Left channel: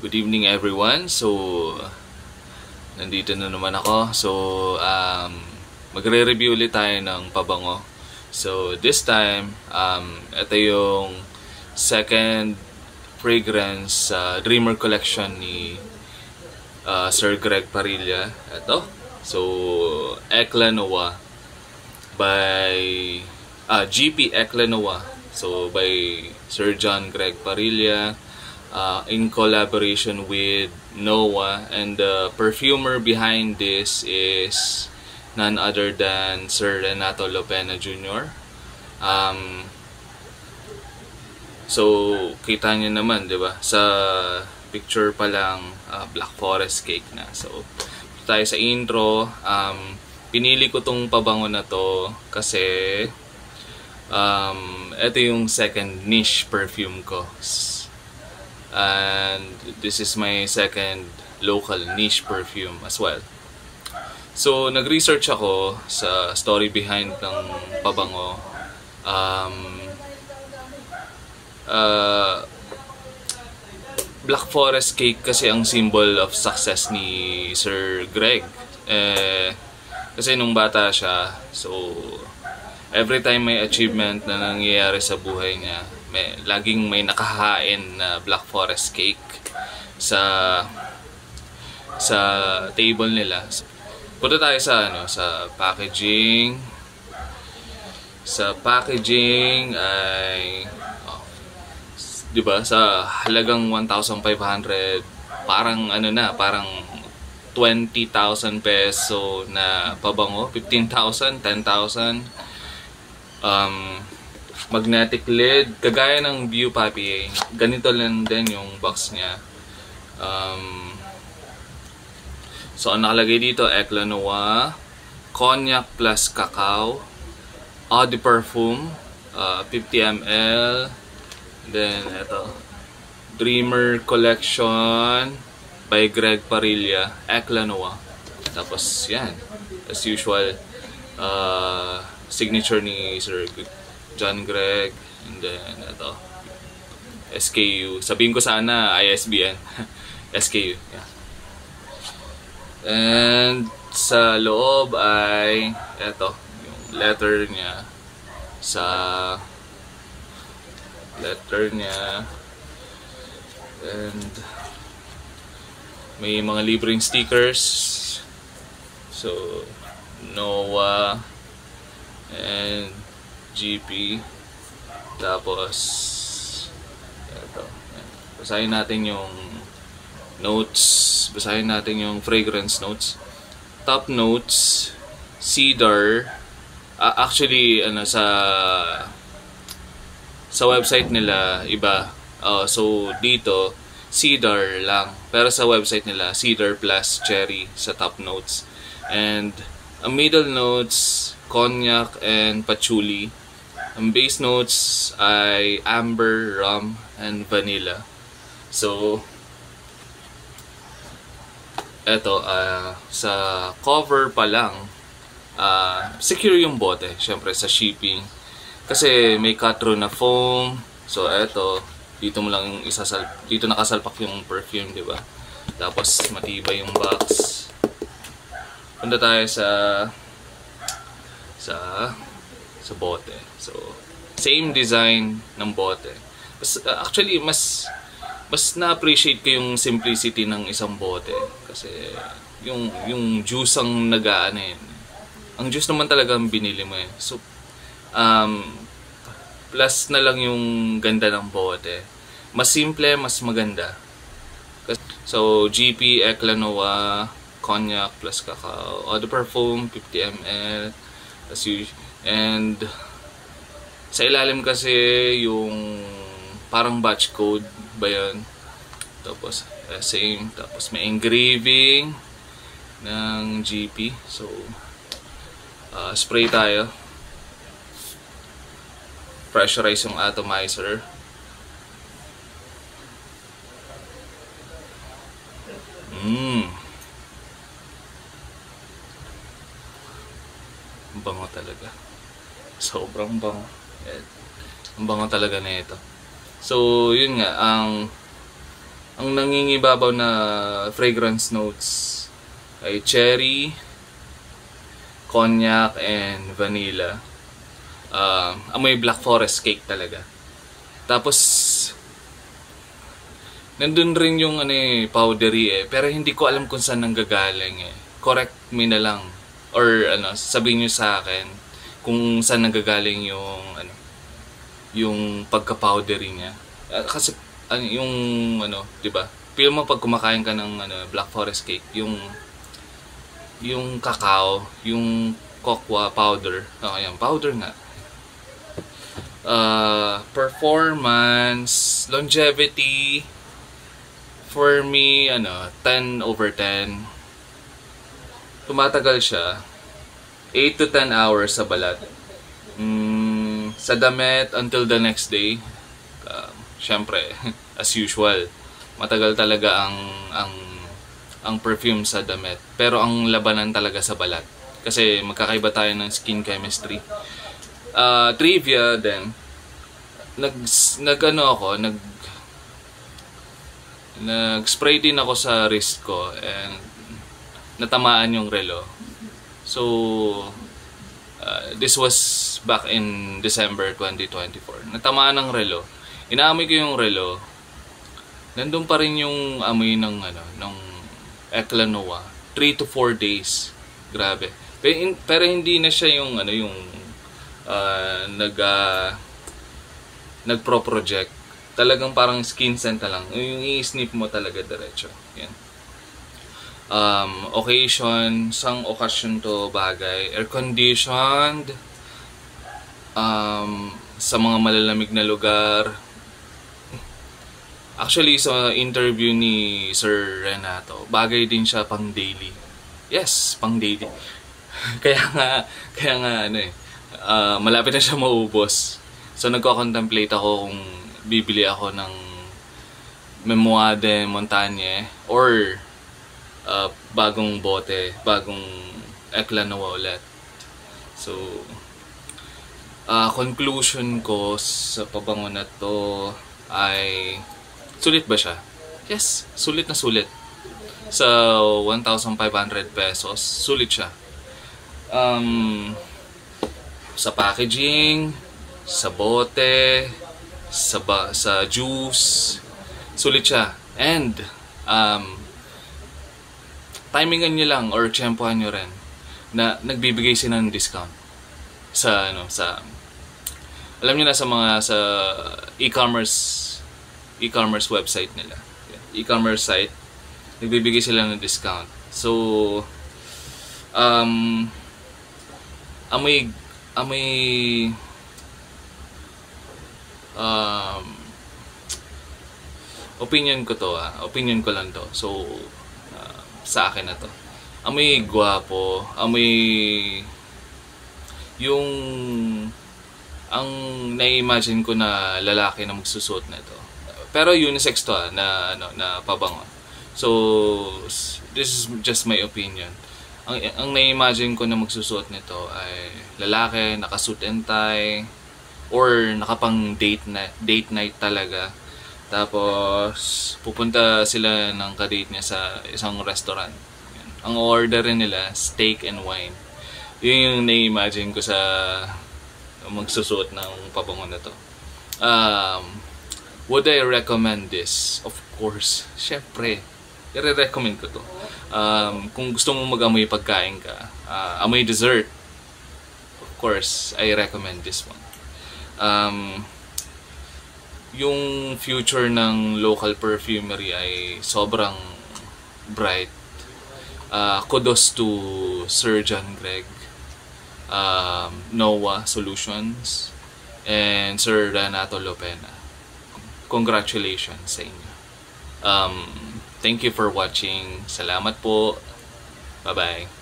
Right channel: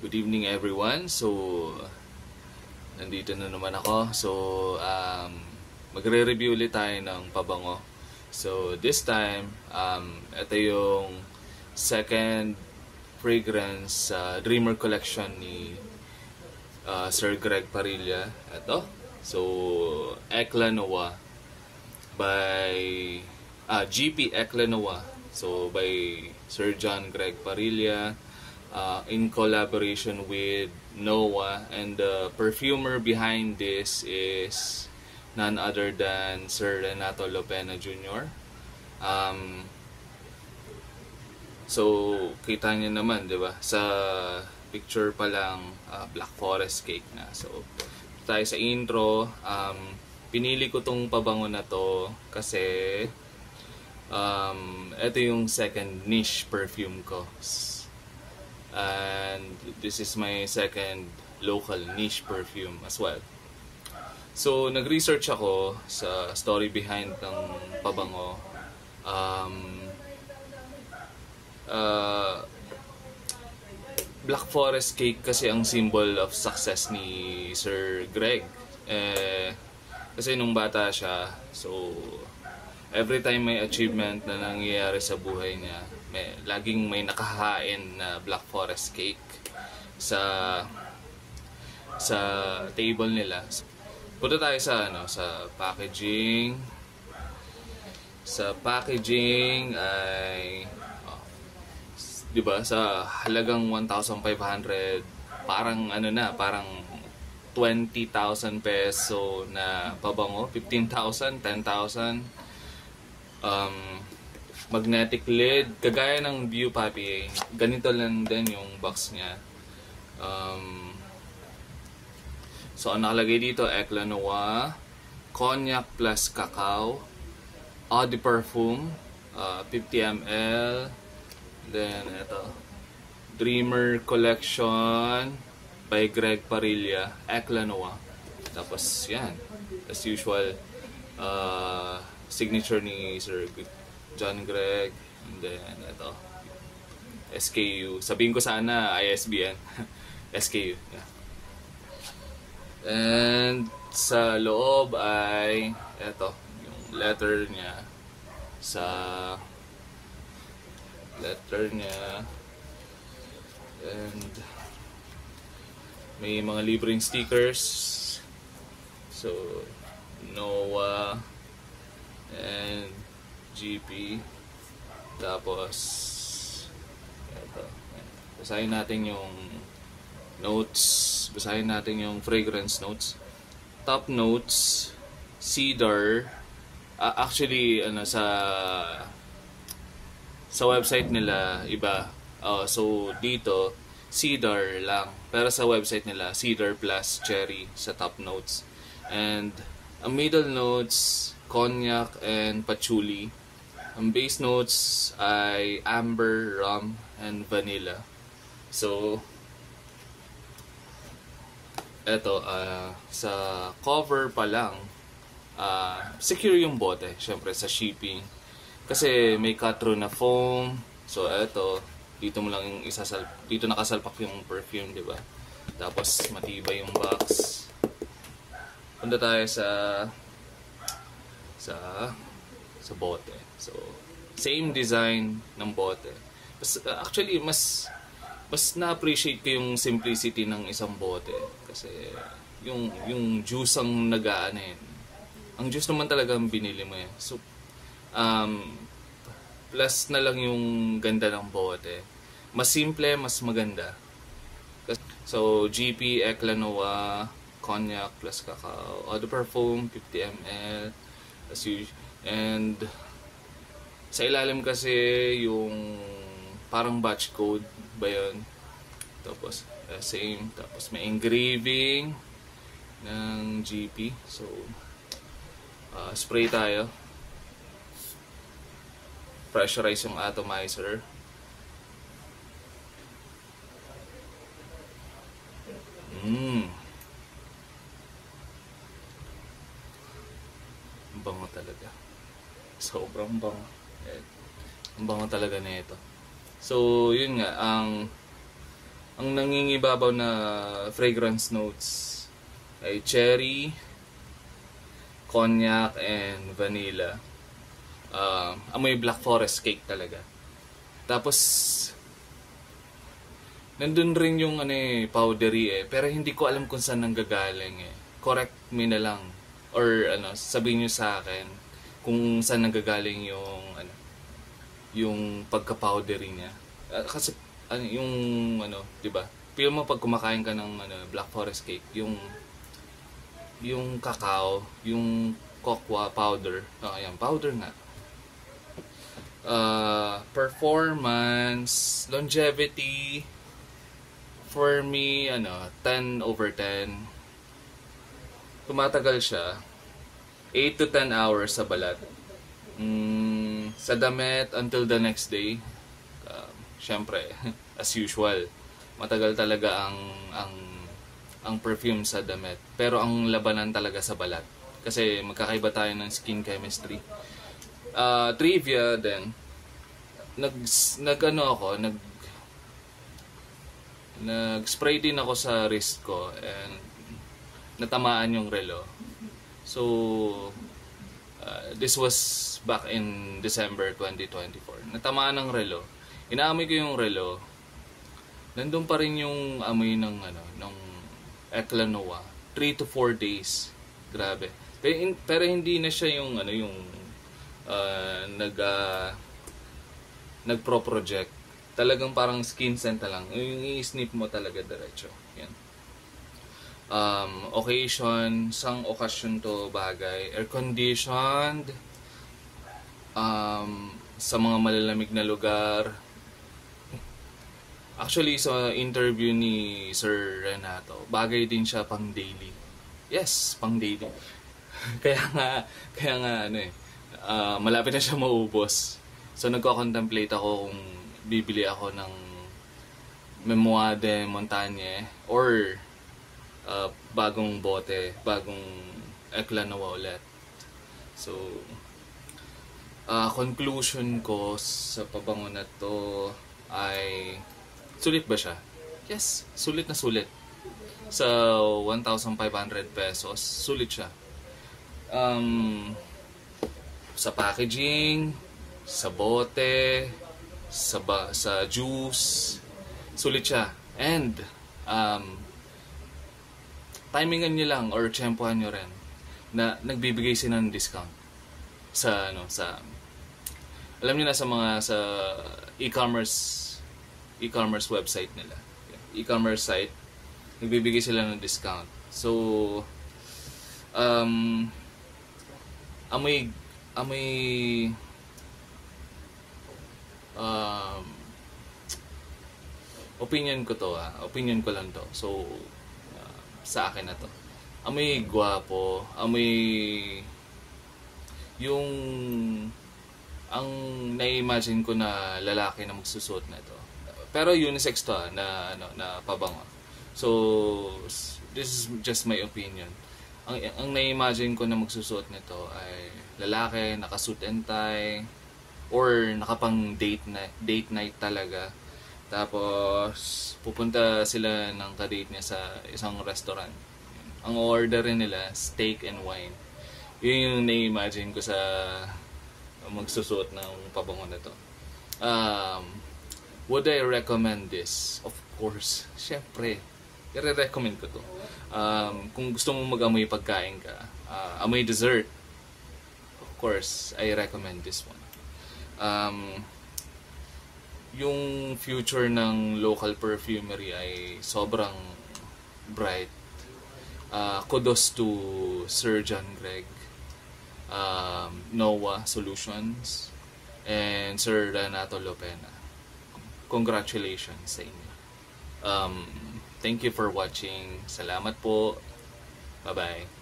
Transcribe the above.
Good evening everyone. Nandito na naman ako. Magre-review ulit tayo ng pabango. So, this time, ito yung second fragrance Dreamer Collection ni Sir Greg Parilla. Ito. So, Eclat Noir by GP Eclat Noir. So, by Sir John Greg Parilla. In collaboration with Noah, and the perfumer behind this is none other than Sir Renato Lopena Jr. So kita niyo naman, 'di ba? Sa picture pa lang Black Forest cake na. So tayo sa intro. Pinili ko tong pabango na to kasi ito yung second niche perfume ko. And this is my second local niche perfume as well. So nag-research ako sa story behind ng pabango. Black Forest cake kasi ang symbol of success ni Sir Greg. Kasi nung bata siya, so every time may achievement na nangyayari sa buhay niya, laging may nakahain na Black Forest cake sa table nila. Punta tayo sa packaging. Sa packaging ay 'di ba, sa halagang 1,500, parang parang 20,000 peso na pabango, 15,000, 10,000. Magnetic lid, kagaya ng View Papier. Ganito lang din yung box niya. So ang nakalagay dito, Eclat Noir, Cognac plus Cacao, Eau de Parfum, 50 ml. Then ito, Dreamer Collection by Greg Parilla, Eclat Noir. Tapos yan, as usual, signature ni Sir John Greg, and then ito SKU, sabihin ko sana ISBN. SKU, yeah. And sa loob ay ito yung letter niya, and may mga libreng stickers. So Noah and GP. Tapos ito, basahin natin yung notes, basahin natin yung fragrance notes. Top notes, cedar. Actually sa website nila iba. So dito cedar lang, pero sa website nila cedar plus cherry sa top notes. And ang middle notes, cognac and patchouli. Ang base notes ay amber, rum, and vanilla. So eto, sa cover pa lang, secure yung bote, syempre sa shipping. Kasi may cut-through na foam. So eto, dito mo lang dito nakasalpak yung perfume, di ba? Tapos matibay yung box. Punta tayo sa bote. So same design ng bote. Actually mas na-appreciate ko yung simplicity ng isang bote kasi yung juice ang ang juice naman talaga ang binili mo . So plus na lang yung ganda ng bote. Mas simple, mas maganda. So GP Eclat Noir, Cognac plus Cacao, Eau de Parfum 50 ml, and sa ilalim kasi yung parang batch code ba yun? Tapos same, tapos may engraving ng GP. So spray tayo, pressurize yung atomizer. Bango talaga, sobrang bango. Ang bango talaga na ito. So yun nga, Ang nangingibabaw na fragrance notes ay cherry, cognac, and vanilla. Amoy black forest cake talaga. Tapos nandun rin yung powdery pero hindi ko alam kung saan nanggagaling Correct me na lang, or sabihin niyo sa akin kung saan nanggagaling yung pagka-powdery niya. Kasi yung 'di ba? Feel mo pag kumakain ka ng black forest cake, yung cacao, yung cocoa powder. Ayan, powder nga. Performance, longevity, for me 10/10. Tumatagal siya 8 to 10 hours sa balat. Sa damit until the next day. Syempre, as usual, matagal talaga ang perfume sa damit. Pero ang labanan talaga sa balat. Kasi magkakaiba tayo ng skin chemistry. Trivia din. Nag-spray din ako sa wrist ko and natamaan yung relo. So, this was back in December 2024. Natamaan ng relo. Inaamoy ko yung relo. Nandun pa rin yung amoy ng Eclat Noir. 3 to 4 days. Grabe. Pero hindi na siya yung nagpro-project. Talagang parang skin scent na lang. Yung i-sniff mo talaga diretso. Yan. Occasion, sang occasion to bagay. Air conditioned. Sa mga malalamig na lugar. Actually, sa interview ni Sir Renato, bagay din siya pang daily. Yes, pang daily. kaya nga malapit na siya maubos. So nagko-contemplate ako kung bibili ako ng Memoire de Montagne or bagong bote, bagong Eclat Noir ulit. So conclusion ko sa pabango na to ay sulit ba siya? Yes, sulit na sulit. Sa 1,500 pesos, sulit siya. Sa packaging, sa bote, sa juice, sulit siya. And timingan nyo lang or tsempohan nyo rin na nagbibigay sila ng discount sa alam niyo na sa e-commerce website nila. E-commerce site, nagbibigay sila ng discount. So amoy opinion ko to opinion ko lang to. So sa akin na to. Amoy gwapo, amoy yung ang na-imagine ko na lalaki na magsusuot na ito. Pero unisex to na pabango. So this is just my opinion. Ang na-imagine ko na magsusuot nito ay lalaki, naka-suit and tie or nakapang date night talaga. Tapos pupunta sila ng ka-date niya sa isang restaurant. Ang order nila steak and wine. Yun yung na-imagine ko sa magsusuot ng pabango na to. Would I recommend this? Of course. Syempre, i-recommend ko to. Kung gusto mo mag-amoy pagkain ka, amoy dessert, of course, I recommend this one. Yung future ng local perfumery ay sobrang bright. Kudos to Sir John Greg, Noah Solutions, and Sir Renato Lopena. Congratulations sa inyo. Thank you for watching. Salamat po. Bye-bye.